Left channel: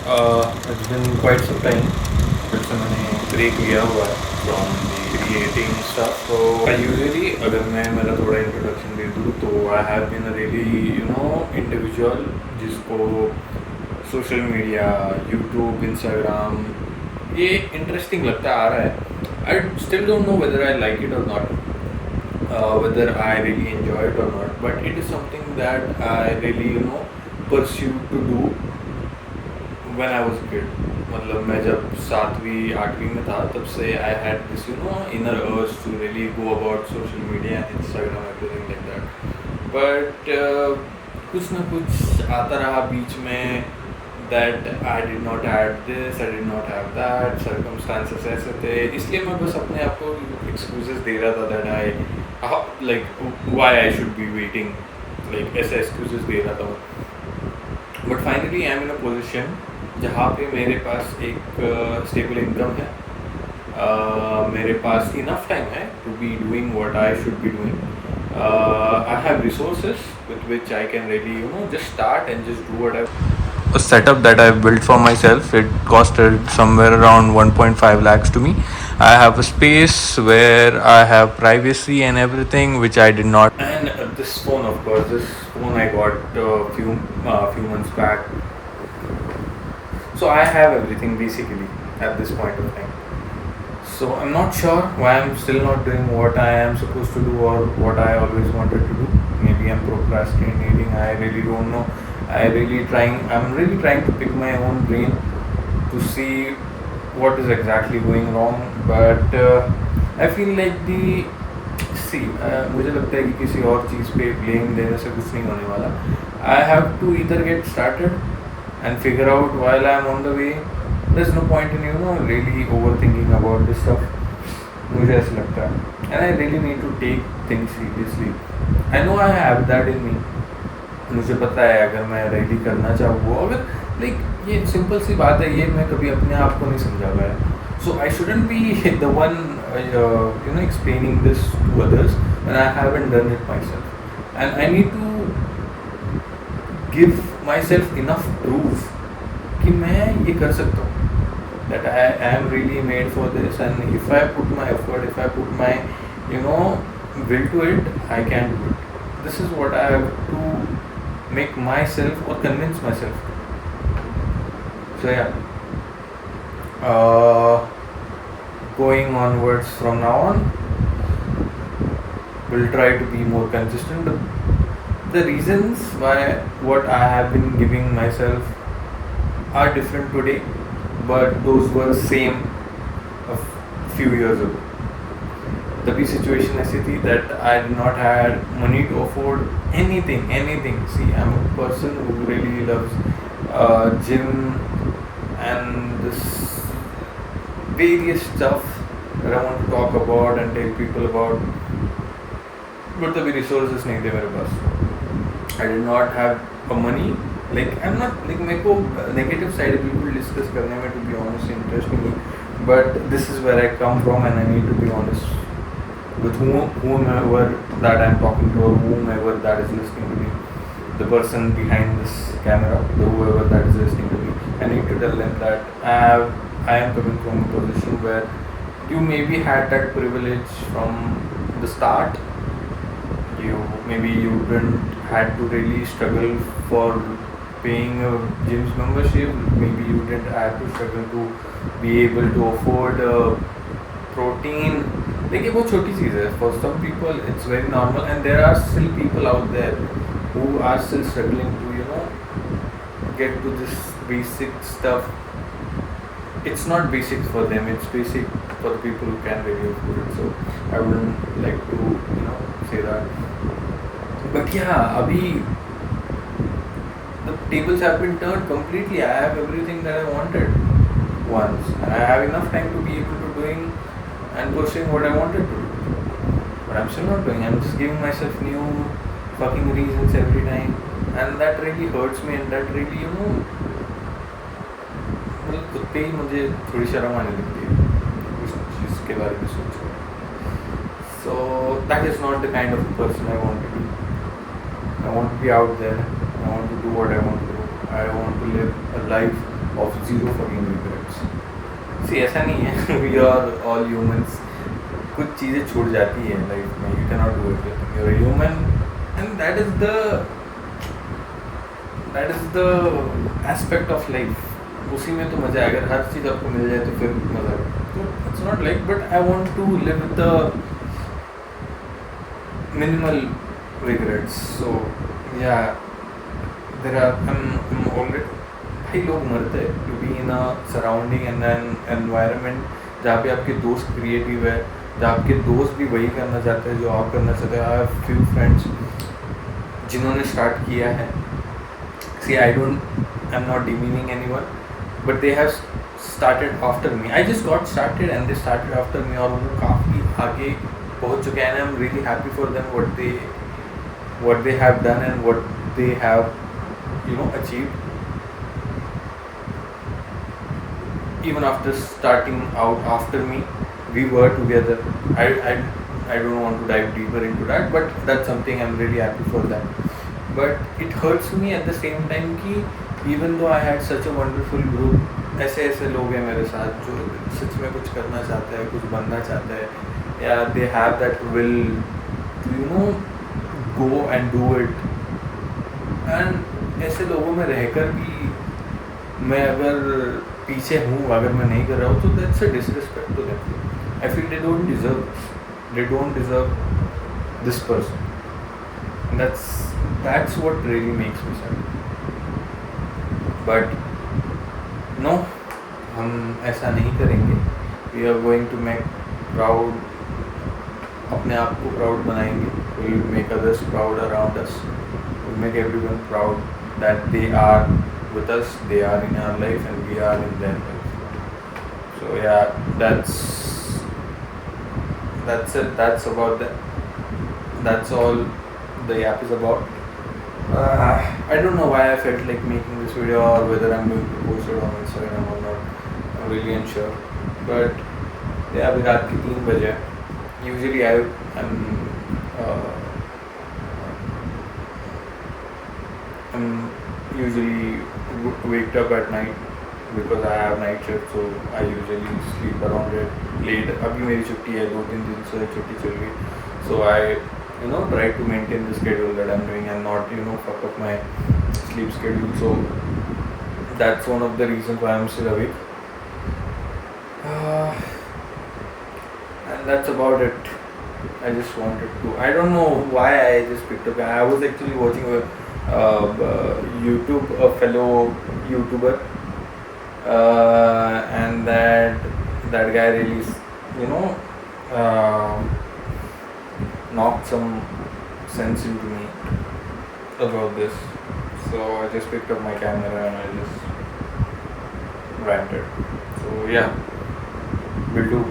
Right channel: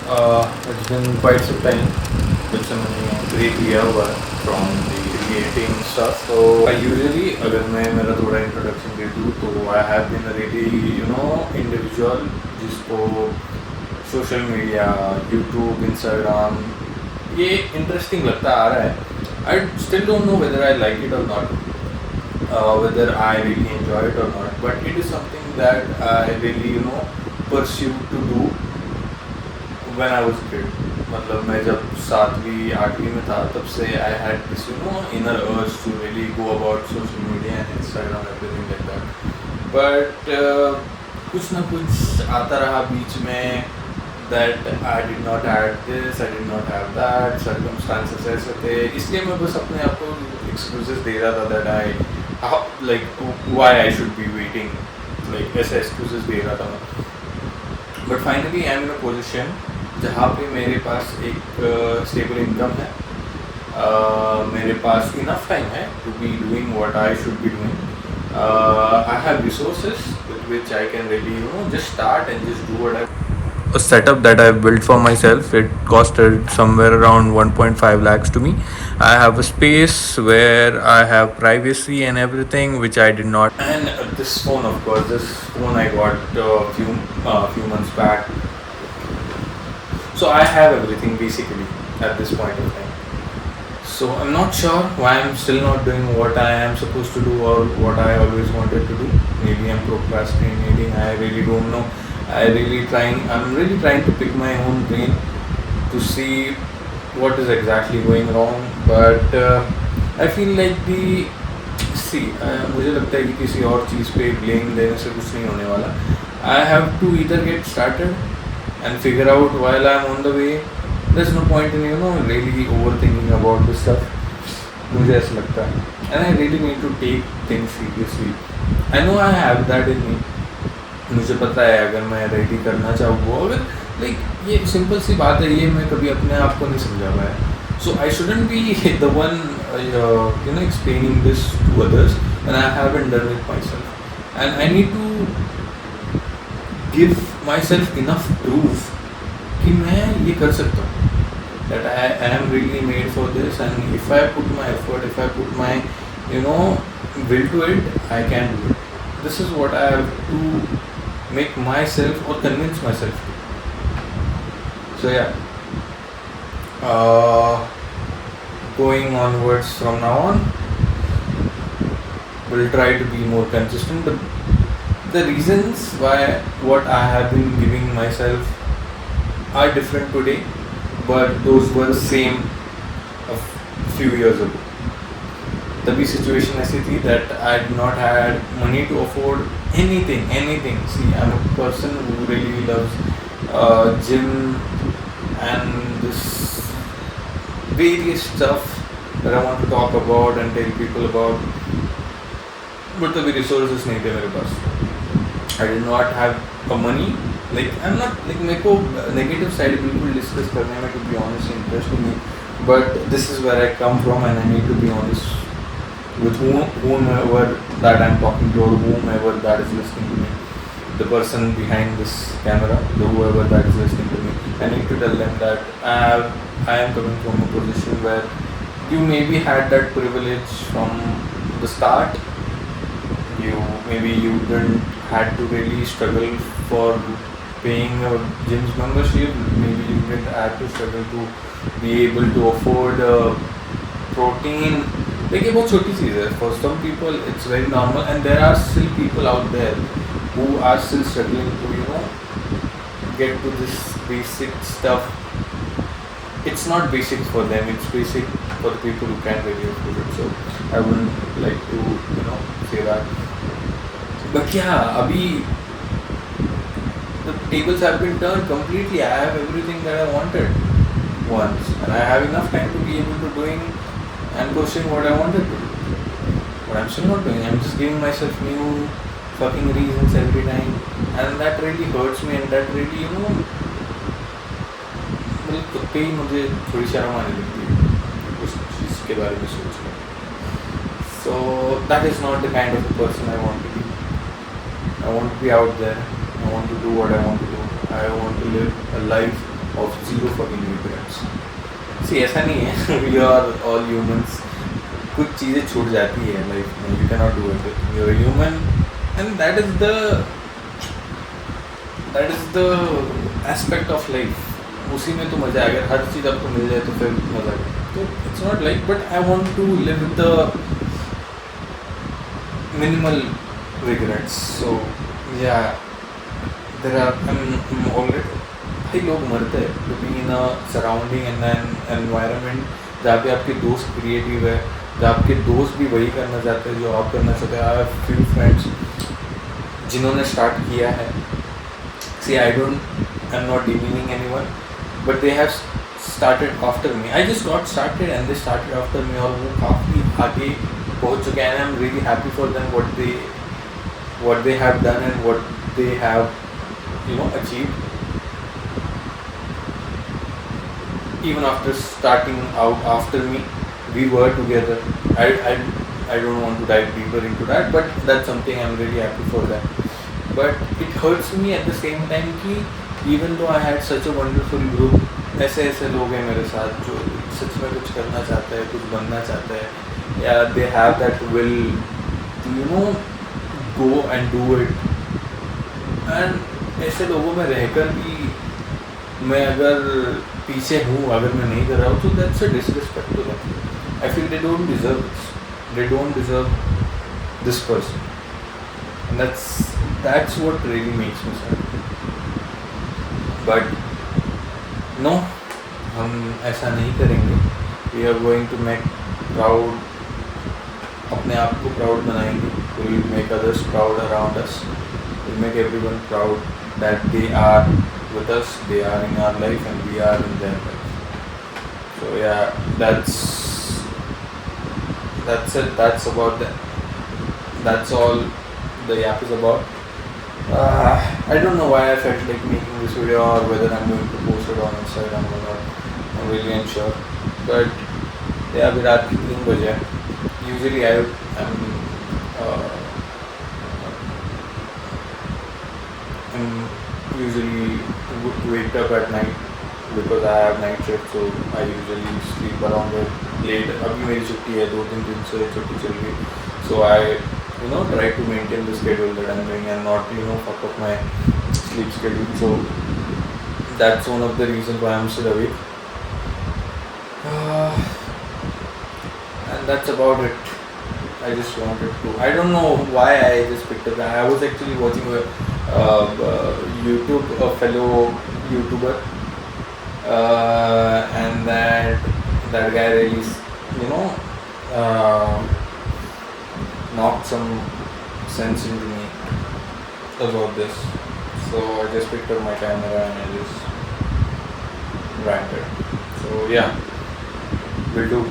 It's been quite some time जब से मैंने ब्रेक लिया हुआ है फ्रॉम द क्रिएटिंग स्टफ. तो आई यूजुअली, अगर मैं मेरा थोड़ा इंट्रोडक्शन दे दूँ, तो I have been a really individual जिसको सोशल मीडिया, यूट्यूब, इंस्टाग्राम ये इंटरेस्टिंग लगता आ रहा है. I still don't know whether I like it और not, whether I really enjoy it or not, but it is something that I really pursued to do when I was a kid. मतलब मैं जब 7वीं 8वीं में था तब से I had this inner urge to really go about social media and Instagram, everything like that. But कुछ ना कुछ आता रहा बीच में that I did not have this, I did not have that, circumstances ऐसे थे, इसलिए मैं बस अपने आप को excuses दे रहा था that like why I should be waiting, like ऐसे excuses दे रहा था मैं. But finally I am in a position जहाँ पे मेरे पास एक स्टेबल इनकम है, मेरे पास इनफ टाइम है to be doing what I should be doing. I have resources with which I can really just start and just do what I. A setup that I've built for myself. It costed somewhere around 1.5 lakhs to me. I have a space where I have privacy and everything, which I did not. And this phone, of course, this phone I got a few months back. So I have everything basically at this point of time. So I'm not sure why I'm still not doing what I am supposed to do or what I always wanted to do. Maybe I'm procrastinating. I really don't know. I'm really trying to pick my own brain to see what is exactly going wrong. But I feel like मुझे लगता है कि किसी और चीज़ पे blame देने से कुछ नहीं होने वाला. I have to either get started and figure out while I'm on the way. There's no point in really overthinking about this stuff. मुझे ऐसा लगता है. And I really need to take things seriously. I know I have that in me. मुझे पता है अगर मैं ready करना चाहूँ, अगर लाइक ये सिंपल सी बात है, ये मैं कभी अपने आप को नहीं समझा पाया. So I shouldn't be the one explaining this to others and I haven't done it myself, and I need to give myself enough proof कि मैं ये कर सकता हूँ. that I am really made for this, and if I put my effort, if I put my will to it, I can do it. This is what I have to make myself or convince myself to. So yeah, going onwards from now on, we'll try to be more consistent. The reasons why what I have been giving myself are different today, but those were same a few years ago. तभी situation ऐसी थी that I did not had money to afford anything. See, I'm a person who really loves gym and this various stuff that I want to talk about and tell people about, but तभी resources नहीं थे मेरे पास. I did not have a money. Like I'm not like मेरे को negative side बिल्कुल discuss करने में, to be honest, interest me, but this is where I come from and I need to be honest with whomever that I'm talking to or whomever that is listening to me, the person behind this camera, whoever that is listening to me. I need to tell them that I am coming from a position where you maybe had that privilege from the start. You didn't had to really struggle for paying a gym's membership. Maybe you didn't have to struggle to be able to afford protein. Like ये बहुत छोटी चीज़ है. For some people it's very normal, and there are still people out there who are still struggling to get to this basic stuff. It's not basic for them, it's basic for the people who can really afford it. So I wouldn't like to say that. But yeah, abhi the tables have been turned completely. I have everything that I wanted once, and I have enough time to be able to doing and pursuing what I wanted to do. But I'm still not doing. I'm just giving myself new fucking reasons every time, and that really hurts me, and that really मतलब खुद पे ही मुझे थोड़ी शर्म आने लगती है उस चीज़ के बारे में सोच कर. So that is not the kind of person I want to be. I want to be out there. I want to do what I want to do. I want to live a life of zero fucking regrets. See, ऐसा नहीं है, we are all humans. कुछ चीज़ें छूट जाती है life में, you cannot do everything. You're a human, and that is the aspect of life. उसी में तो मज़ा है. अगर हर चीज़ आपको मिल जाए तो फिर मज़ा है. तो it's not like, but I want to live with the minimal regrets. So yeah, I'm already. भाई लोग मरते हैं to be in a surrounding and an environment जहाँ पे आपके दोस्त क्रिएटिव है, जहाँ आपके दोस्त भी वही करना चाहते हैं जो आप करना चाहते हैं. आई हैव फ्यू फ्रेंड्स जिन्होंने स्टार्ट किया है. See I am not demeaning anyone, but they have started after me. I just got started and they started after me, और वो काफ़ी आगे पहुँच चुके हैं. I am really happy for them what they have done and what they have achieved. Even after starting out after me, we were together. I don't want to dive deeper into that, but that's something I'm really happy for that. But it hurts me at the same time कि even though I had such a wonderful group, ऐसे लोग हैं मेरे साथ जो सच में कुछ करना चाहते हैं, कुछ बनना चाहते हैं, या they have that will to go and do it. And ऐसे लोगों में रहकर भी मैं अगर पीछे हूँ, अगर मैं नहीं कर रहा हूँ, तो that's a disrespect to them. I feel they don't deserve this, they don't deserve this person, and that's what really makes me sad. But no, हम ऐसा नहीं करेंगे. We are going to make proud, अपने आप को proud बनाएंगे. Will make others proud around us, will make everyone proud that they are with us, they are in our life and we are in their life. So yeah, that's it. That's about that. That's all the yap is about. I don't know why I felt like making this video, or whether I'm going to post it on Instagram or not. I'm really unsure. But yeah, अभी रात की 3 बजे. Usually I'm usually waked up at night because I have night shift, so I usually sleep around late. अभी मेरी छुट्टी है, 2-3 दिन से छुट्टी चल रही, so I try to maintain the schedule that I'm doing and not fuck up my sleep schedule. So that's one of the reasons why I'm still awake, and that's about it. I just wanted to. I don't know why I just picked up. I was actually watching YouTube, a fellow YouTuber, and that guy really, knocked some sense into me about this. So I just picked up my camera and I just ranted. So yeah, will do.